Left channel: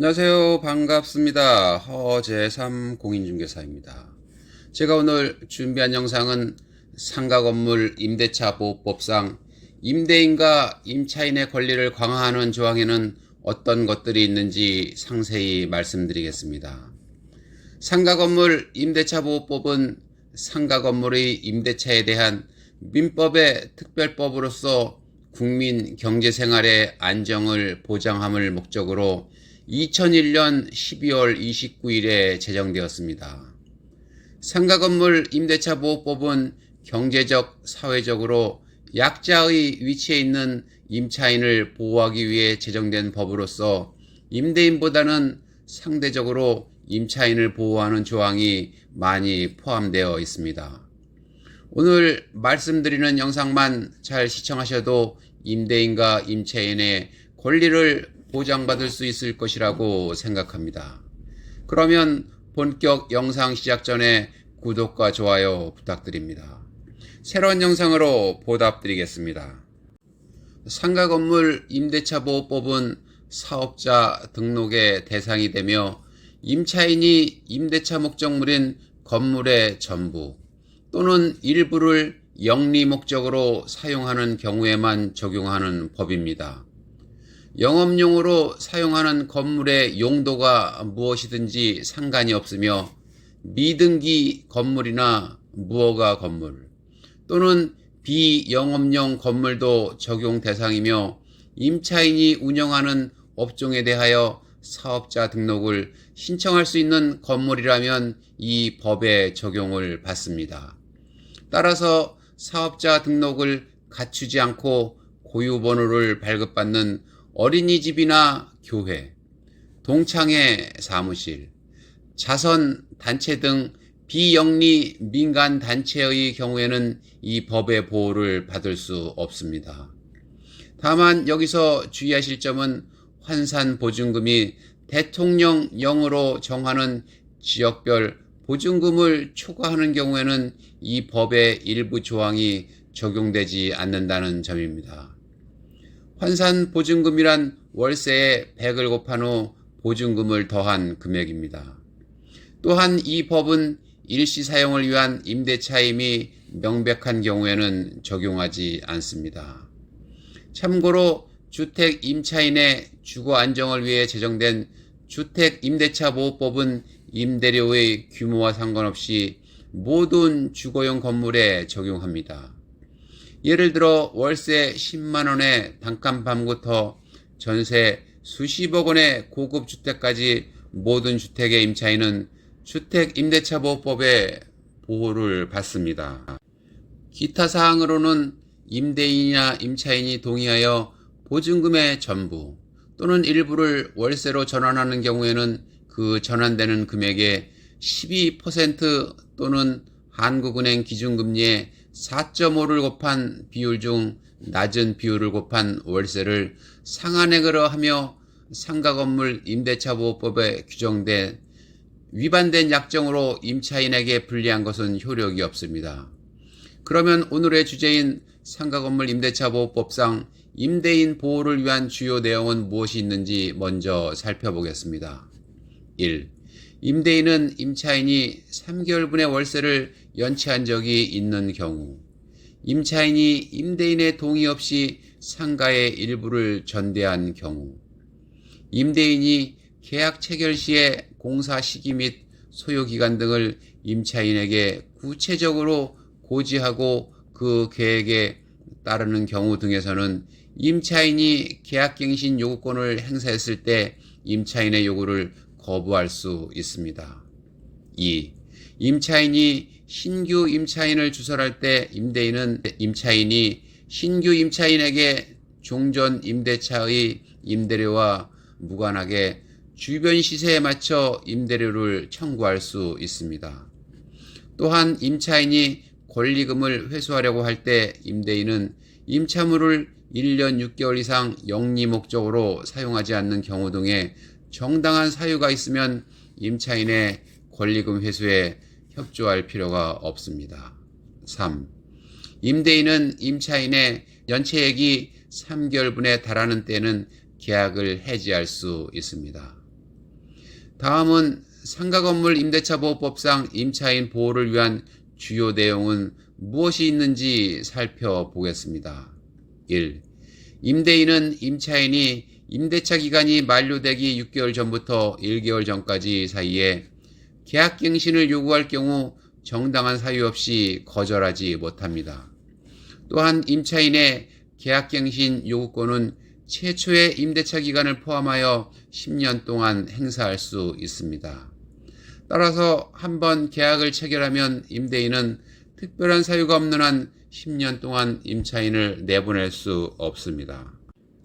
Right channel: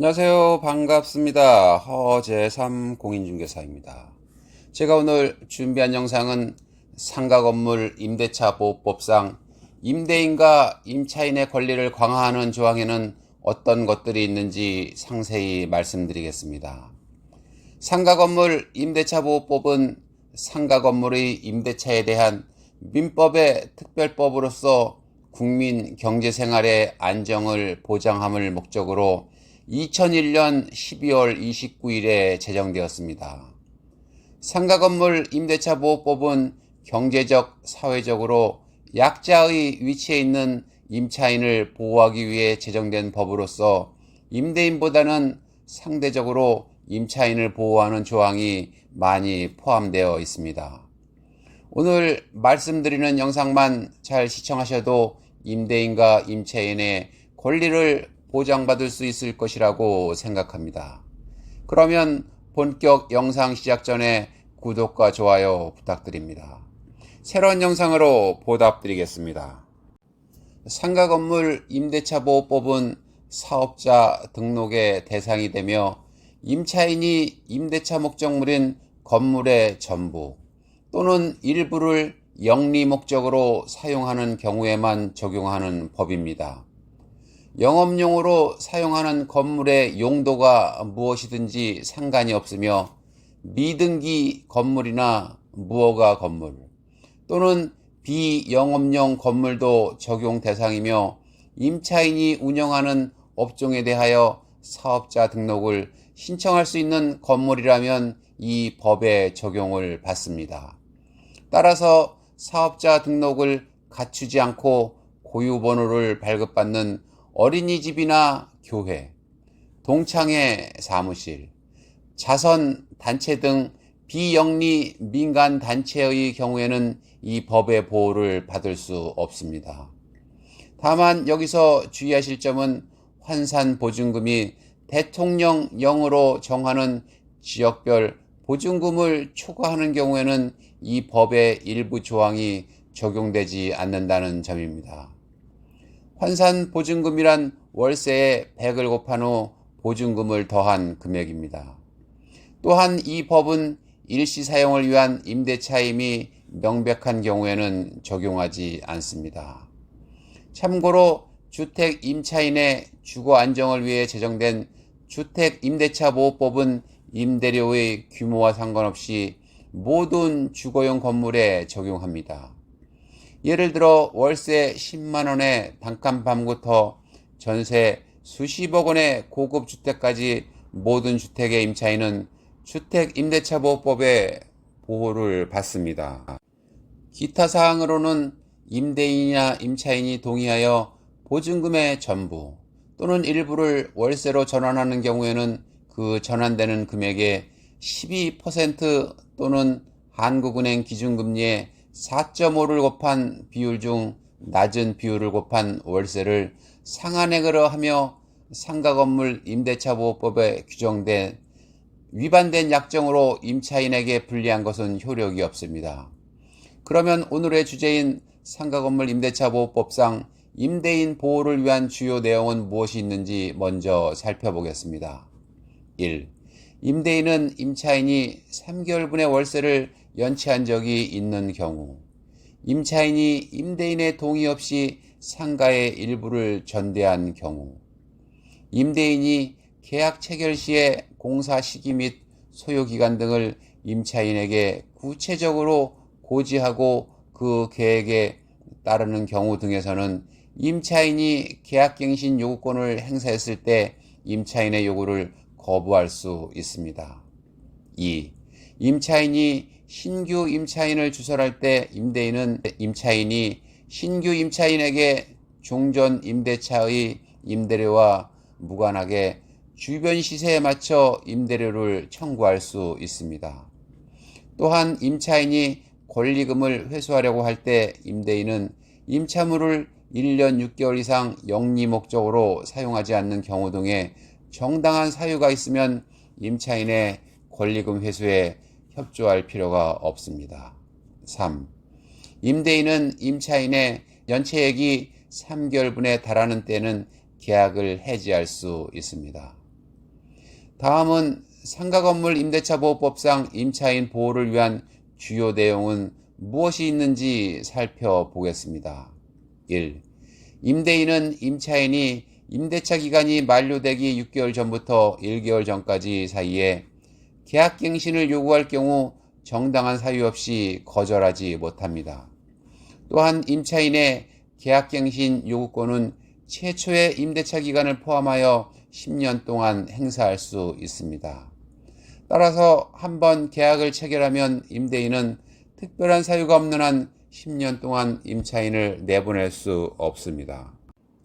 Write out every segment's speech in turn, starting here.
안녕하세요. 반갑습니다. 허재삼 공인중개사입니다. 제가 오늘 준비한 영상은 상가건물 임대차 보호법상 임대인과 임차인의 권리를 강화하는 조항에는 어떤 것들이 있는지 상세히 말씀드리겠습니다. 상가건물 임대차 보호법은 상가건물의 임대차에 대한 민법의 특별법으로서 국민 경제생활의 안정을 보장함을 목적으로 2001년 12월 29일에 제정되었습니다. 상가건물 임대차 보호법은 경제적, 사회적으로 약자의 위치에 있는 임차인을 보호하기 위해 제정된 법으로서 임대인보다는 상대적으로 임차인을 보호하는 조항이 많이 포함되어 있습니다. 오늘 말씀드리는 영상만 잘 시청하셔도 임대인과 임차인의 권리를 보장받을 수 있을 것이라고 생각합니다. 그러면 본격 영상 시작 전에 구독과 좋아요 부탁드립니다. 새로운 영상으로 보답드리겠습니다. 상가건물 임대차 보호법은 사업자 등록의 대상이 되며 임차인이 임대차 목적물인 건물의 전부 또는 일부를 영리 목적으로 사용하는 경우에만 적용하는 법입니다. 영업용으로 사용하는 건물의 용도가 무엇이든지 상관이 없으며 미등기 건물이나 무허가 건물 또는 비영업용 건물도 적용 대상이며 임차인이 운영하는 업종에 대하여 사업자 등록을 신청할 수 있는 건물이라면 이 법의 적용을 받습니다. 따라서 사업자 등록을 갖추지 않고 고유번호를 발급받는 어린이집이나 교회, 동창회 사무실, 자선단체 등 비영리 민간단체의 경우에는 이 법의 보호를 받을 수 없습니다. 다만 여기서 주의하실 점은 환산보증금이 대통령령으로 정하는 지역별 보증금을 초과하는 경우에는 이 법의 일부 조항이 적용되지 않는다는 점입니다. 환산보증금이란 월세에 100을 곱한 후 보증금을 더한 금액입니다. 또한 이 법은 일시 사용을 위한 임대차임이 명백한 경우에는 적용하지 않습니다. 참고로 주택 임차인의 주거 안정을 위해 제정된 주택임대차보호법은 임대료의 규모와 상관없이 모든 주거용 건물에 적용합니다. 예를 들어 월세 10만원의 단칸방부터 전세 수십억 원의 고급 주택까지 모든 주택의 임차인은 주택임대차보호법의 보호를 받습니다. 기타 사항으로는 임대인이나 임차인이 동의하여 보증금의 전부 또는 일부를 월세로 전환하는 경우에는 그 전환되는 금액의 12% 또는 한국은행 기준금리의 4.5를 곱한 비율 중 낮은 비율을 곱한 월세를 상한액으로 하며 상가건물 임대차보호법에 규정된 위반된 약정으로 임차인에게 불리한 것은 효력이 없습니다. 그러면 오늘의 주제인 상가건물 임대차보호법상 임대인 보호를 위한 주요 내용은 무엇이 있는지 먼저 살펴보겠습니다. 1. 임대인은 임차인이 3개월분의 월세를 연체한 적이 있는 경우, 임차인이 임대인의 동의 없이 상가의 일부를 전대한 경우, 임대인이 계약 체결 시에 공사 시기 및 소요기간 등을 임차인에게 구체적으로 고지하고 그 계획에 따르는 경우 등에서는 임차인이 계약갱신 요구권을 행사했을 때 임차인의 요구를 거부할 수 있습니다. 2. 임차인이 신규 임차인을 주설할 때 임대인은 임차인이 신규 임차인에게 종전 임대차의 임대료와 무관하게 주변 시세에 맞춰 임대료를 청구할 수 있습니다. 또한 임차인이 권리금을 회수하려고 할 때 임대인은 임차물을 1년 6개월 이상 영리 목적으로 사용하지 않는 경우 등에 정당한 사유가 있으면 임차인의 권리금 회수에 협조할 필요가 없습니다. 3. 임대인은 임차인의 연체액이 3개월분에 달하는 때는 계약을 해지할 수 있습니다. 다음은 상가건물 임대차 보호법상 임차인 보호를 위한 주요 내용은 무엇이 있는지 살펴보겠습니다. 1. 임대인은 임차인이 임대차 기간이 만료되기 6개월 전부터 1개월 전까지 사이에 계약갱신을 요구할 경우 정당한 사유 없이 거절하지 못합니다. 또한 임차인의 계약갱신 요구권은 최초의 임대차 기간을 포함하여 10년 동안 행사할 수 있습니다. 따라서 한번 계약을 체결하면 임대인은 특별한 사유가 없는 한 10년 동안 임차인을 내보낼 수 없습니다.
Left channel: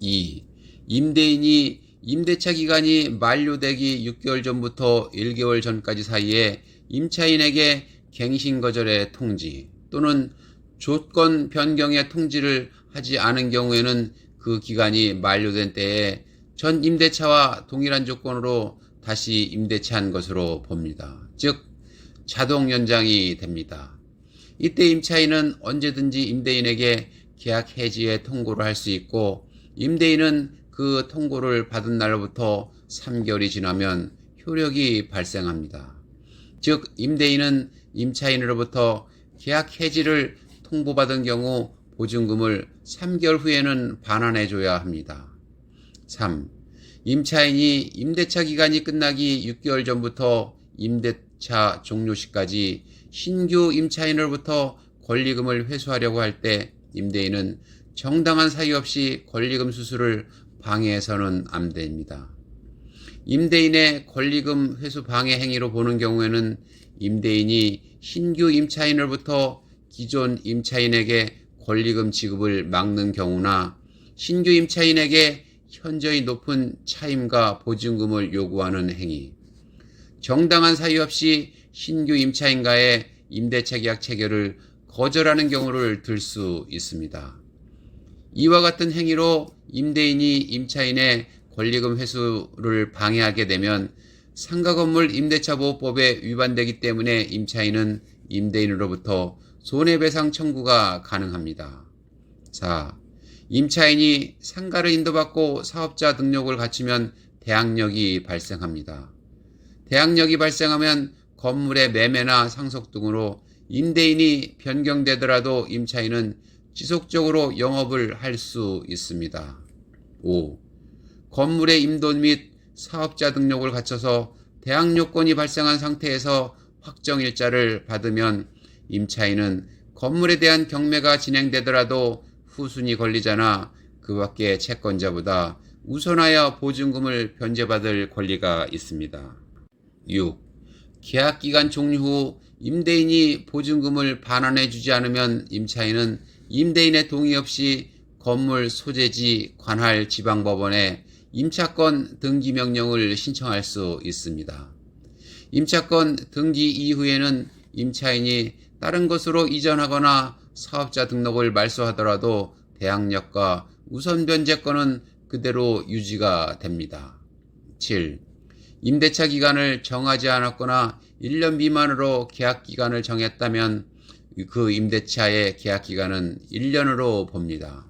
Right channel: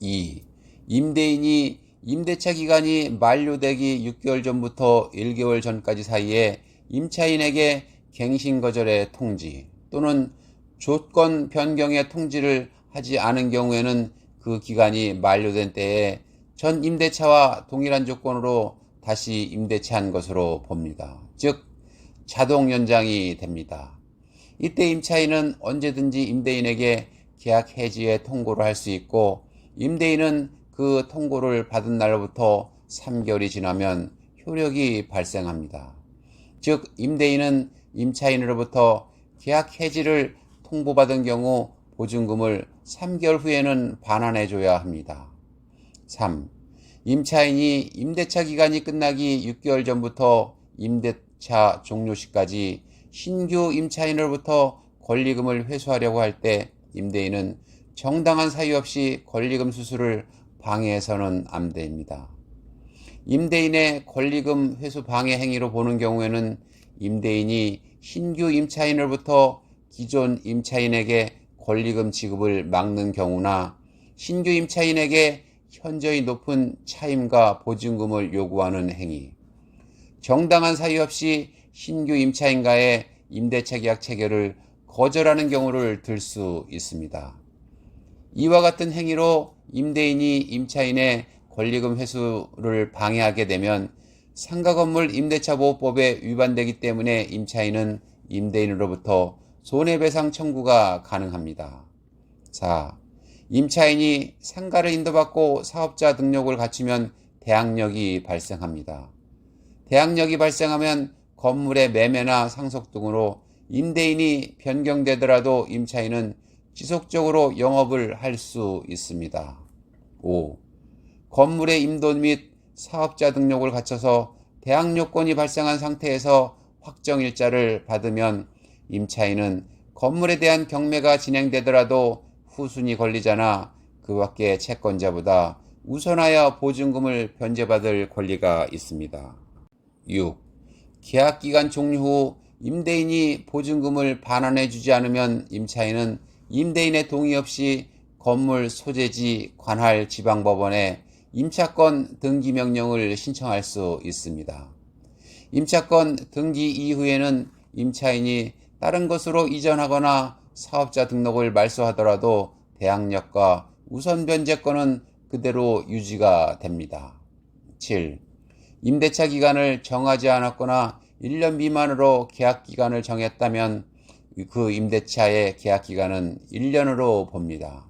2. 임대인이 임대차 기간이 만료되기 6개월 전부터 1개월 전까지 사이에 임차인에게 갱신 거절의 통지 또는 조건 변경의 통지를 하지 않은 경우에는 그 기간이 만료된 때에 전 임대차와 동일한 조건으로 다시 임대차한 것으로 봅니다. 즉 자동 연장이 됩니다. 이때 임차인은 언제든지 임대인에게 계약 해지의 통고를 할 수 있고 임대인은 그 통고를 받은 날로부터 3개월이 지나면 효력이 발생합니다. 즉 임대인은 임차인으로부터 계약 해지를 통보받은 경우 보증금을 3개월 후에는 반환해줘야 합니다. 3. 임차인이 임대차 기간이 끝나기 6개월 전부터 임대차 종료 시까지 신규 임차인으로부터 권리금을 회수하려고 할 때 임대인은 정당한 사유 없이 권리금 수수를 방해해서는 안 됩니다. 임대인의 권리금 회수 방해 행위로 보는 경우에는 임대인이 신규 임차인으로부터 기존 임차인에게 권리금 지급을 막는 경우나 신규 임차인에게 현저히 높은 차임과 보증금을 요구하는 행위, 정당한 사유 없이 신규 임차인과의 임대차 계약 체결을 거절하는 경우를 들 수 있습니다. 이와 같은 행위로 임대인이 임차인의 권리금 회수를 방해하게 되면 상가건물 임대차 보호법에 위반되기 때문에 임차인은 임대인으로부터 손해배상 청구가 가능합니다. 4. 임차인이 상가를 인도받고 사업자 등록을 갖추면 대항력이 발생합니다. 대항력이 발생하면 건물의 매매나 상속 등으로 임대인이 변경되더라도 임차인은 지속적으로 영업을 할 수 있습니다. 5. 건물의 임도 및 사업자 등록을 갖춰서 대항력권이 발생한 상태에서 확정일자를 받으면 임차인은 건물에 대한 경매가 진행되더라도 후순위 권리자나 그 밖의 채권자보다 우선하여 보증금을 변제받을 권리가 있습니다. 6. 계약기간 종료 후 임대인이 보증금을 반환해 주지 않으면 임차인은 임대인의 동의 없이 건물 소재지 관할 지방법원에 임차권 등기 명령을 신청할 수 있습니다. 임차권 등기 이후에는 임차인이 다른 것으로 이전하거나 사업자 등록을 말소하더라도 대항력과 우선 변제권은 그대로 유지가 됩니다. 7. 임대차 기간을 정하지 않았거나 1년 미만으로 계약 기간을 정했다면 그 임대차의 계약 기간은 1년으로 봅니다.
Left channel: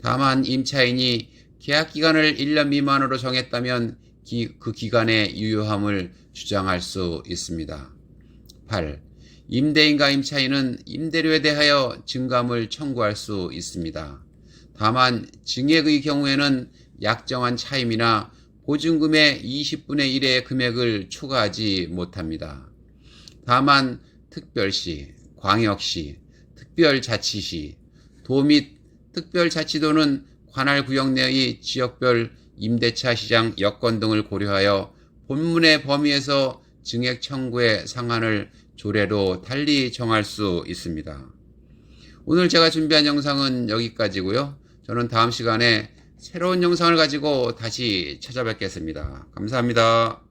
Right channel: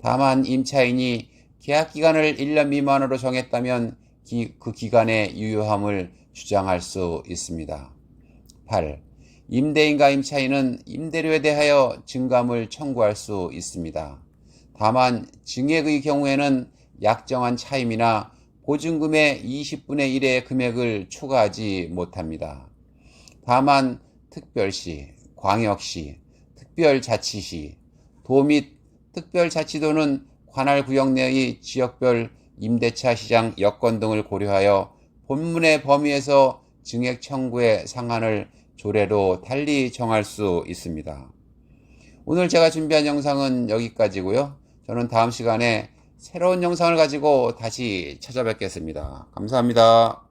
다만 임차인이 계약 기간을 1년 미만으로 정했다면 그 기간의 유효함을 주장할 수 있습니다. 8. 임대인과 임차인은 임대료에 대하여 증감을 청구할 수 있습니다. 다만 증액의 경우에는 약정한 차임이나 보증금의 20분의 1의 금액을 초과하지 못합니다. 다만 특별시, 광역시, 특별자치시, 도 및 특별자치도는 관할 구역 내의 지역별 임대차 시장 여건 등을 고려하여 본문의 범위에서 증액 청구의 상한을 조례로 달리 정할 수 있습니다. 오늘 제가 준비한 영상은 여기까지고요. 저는 다음 시간에 새로운 영상을 가지고 다시 찾아뵙겠습니다. 감사합니다.